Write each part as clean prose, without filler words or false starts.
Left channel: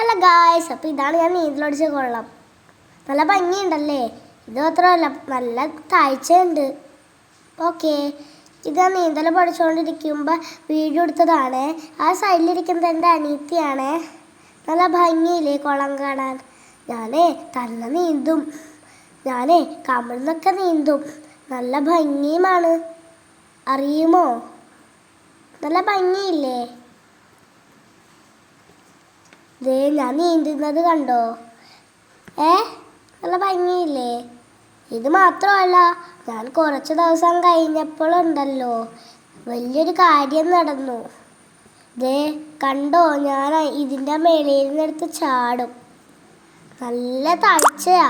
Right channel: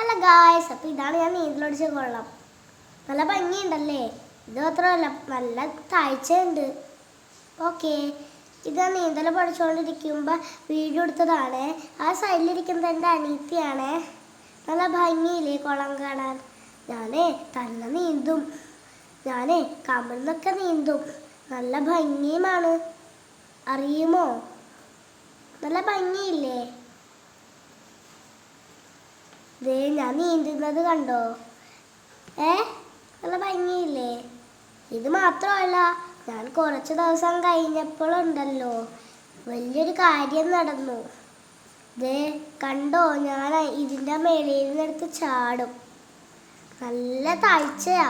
Hello guys, അപ്പോൾ ഇതാണ് ഞാൻ നീന്തലടിച്ച കൊള്ളം. നല്ല ഭംഗിയുണ്ടല്ലേ? ഇത് മാത്രമല്ല, നല്ല താഴ്ചയുണ്ട്. ഓക്കെ, ഇത് ഞാൻ നീന്തൽ പഠിച്ചുകൊണ്ടിരിക്കുമ്പോൾ വീഡിയോ എടുത്തതാണ്. ആ സൈഡിലിരിക്കുന്നത് എൻ്റെ അനിയത്തിയാണ്. നല്ല ഭംഗിയില്ലേ കുളം കാണാൻ? ഞാനേ തന്നെ നീന്തും, ഞാനേ കമിഴ്ന്നൊക്കെ നീന്തും. നല്ല ഭംഗിയുമാണ്, അറിയുമോ? നല്ല ഭംഗിയില്ലേ? ദേ ഞാൻ നീന്തുന്നത് കണ്ടോ? നല്ല ഭംഗിയില്ലേ? ഇത് മാത്രമല്ല, ഞാൻ കുറച്ച് ദിവസം കഴിഞ്ഞപ്പോഴുണ്ടല്ലോ വലിയൊരു കാര്യം നടന്നു. ദേ കണ്ടോ, ഞാൻ ഇതിൻ്റെ മേലയിൽ നിന്നെടുത്ത് ചാടും. നല്ല താഴ്ചയാ,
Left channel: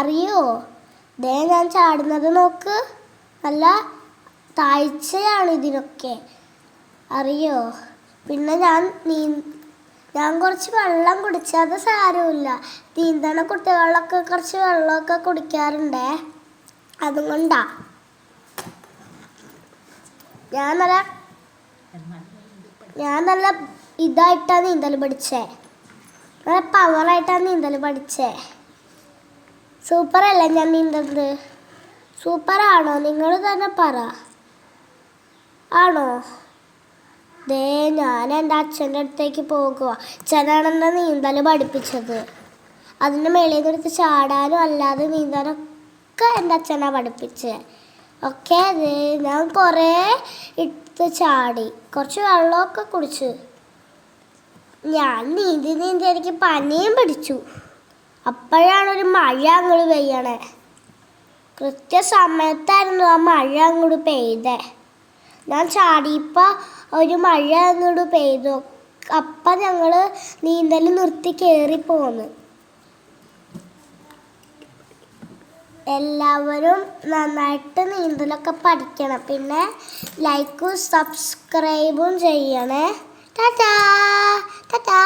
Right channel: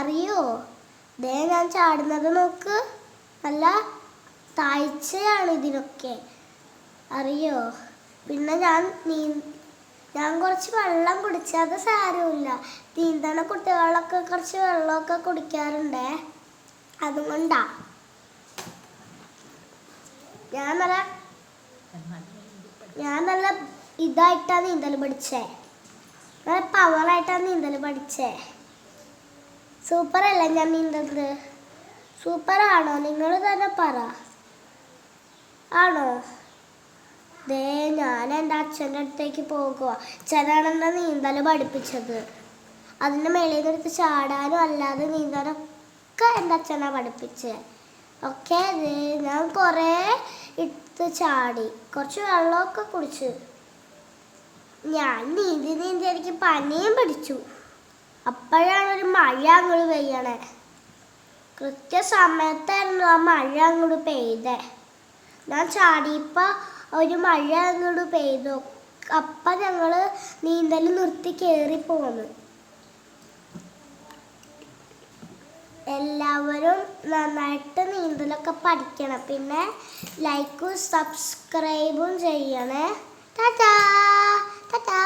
അറിയോ? ദേ ഞാൻ ചാടുന്നത് നോക്ക്, നല്ല താഴ്ചയാണ് ഇതിനൊക്കെ, അറിയോ? പിന്നെ ഞാൻ കുറച്ച് വെള്ളം കുടിച്ചു, അത് സാരമില്ല. നീന്തണ കുട്ടികളൊക്കെ കുറച്ച് വെള്ളമൊക്കെ കുടിക്കാറുണ്ടേ, അതുകൊണ്ടാ. ഞാൻ നല്ല ഇതായിട്ടാണ് നീന്തൽ പഠിച്ചേ, നല്ല പവറായിട്ടാണ് നീന്തൽ പഠിച്ചേ. സൂപ്പറല്ലേ ഞാൻ നീന്തുന്നത്? സൂപ്പറാണോ? നിങ്ങൾ തന്നെ പറ, ആണോ? ദേ ഞാൻ എൻ്റെ അച്ഛൻ്റെ അടുത്തേക്ക് പോകുക. അച്ഛനാണ് എന്നെ നീന്തൽ പഠിപ്പിച്ചത്. അതിൻ്റെ മേളിൽ നിന്നെടുത്ത് ചാടാനും അല്ലാതെ നീന്താനൊക്കെ എൻ്റെ അച്ഛനാണ് പഠിപ്പിച്ചത്. ഓക്കെ, ഞാൻ കുറേ ഇട്ട് ചാടി, കുറച്ച് വെള്ളമൊക്കെ കുടിച്ചു. ഞാൻ നീന്തി എനിക്ക് പനിയും പിടിച്ചു. അപ്പോഴാണൊരു മഴ അങ്ങോട്ട് പെയ്യണേ. കൃത്യസമയത്തായിരുന്നു ആ മഴ അങ്ങോട്ട് പെയ്തേ. ഞാൻ ചാടിയപ്പോൾ ഒരു മഴ അങ്ങോട്ട് പെയ്തു. അപ്പം ഞങ്ങൾ നീന്തൽ നിർത്തി കയറിപ്പോന്നു. എല്ലാവരും നന്നായിട്ട് നീന്തലൊക്കെ പഠിക്കണം. പിന്നെ ലൈക്കും സബ്സ്ക്രൈബും ചെയ്യണേ. ടാറ്റാ ടാറ്റാ.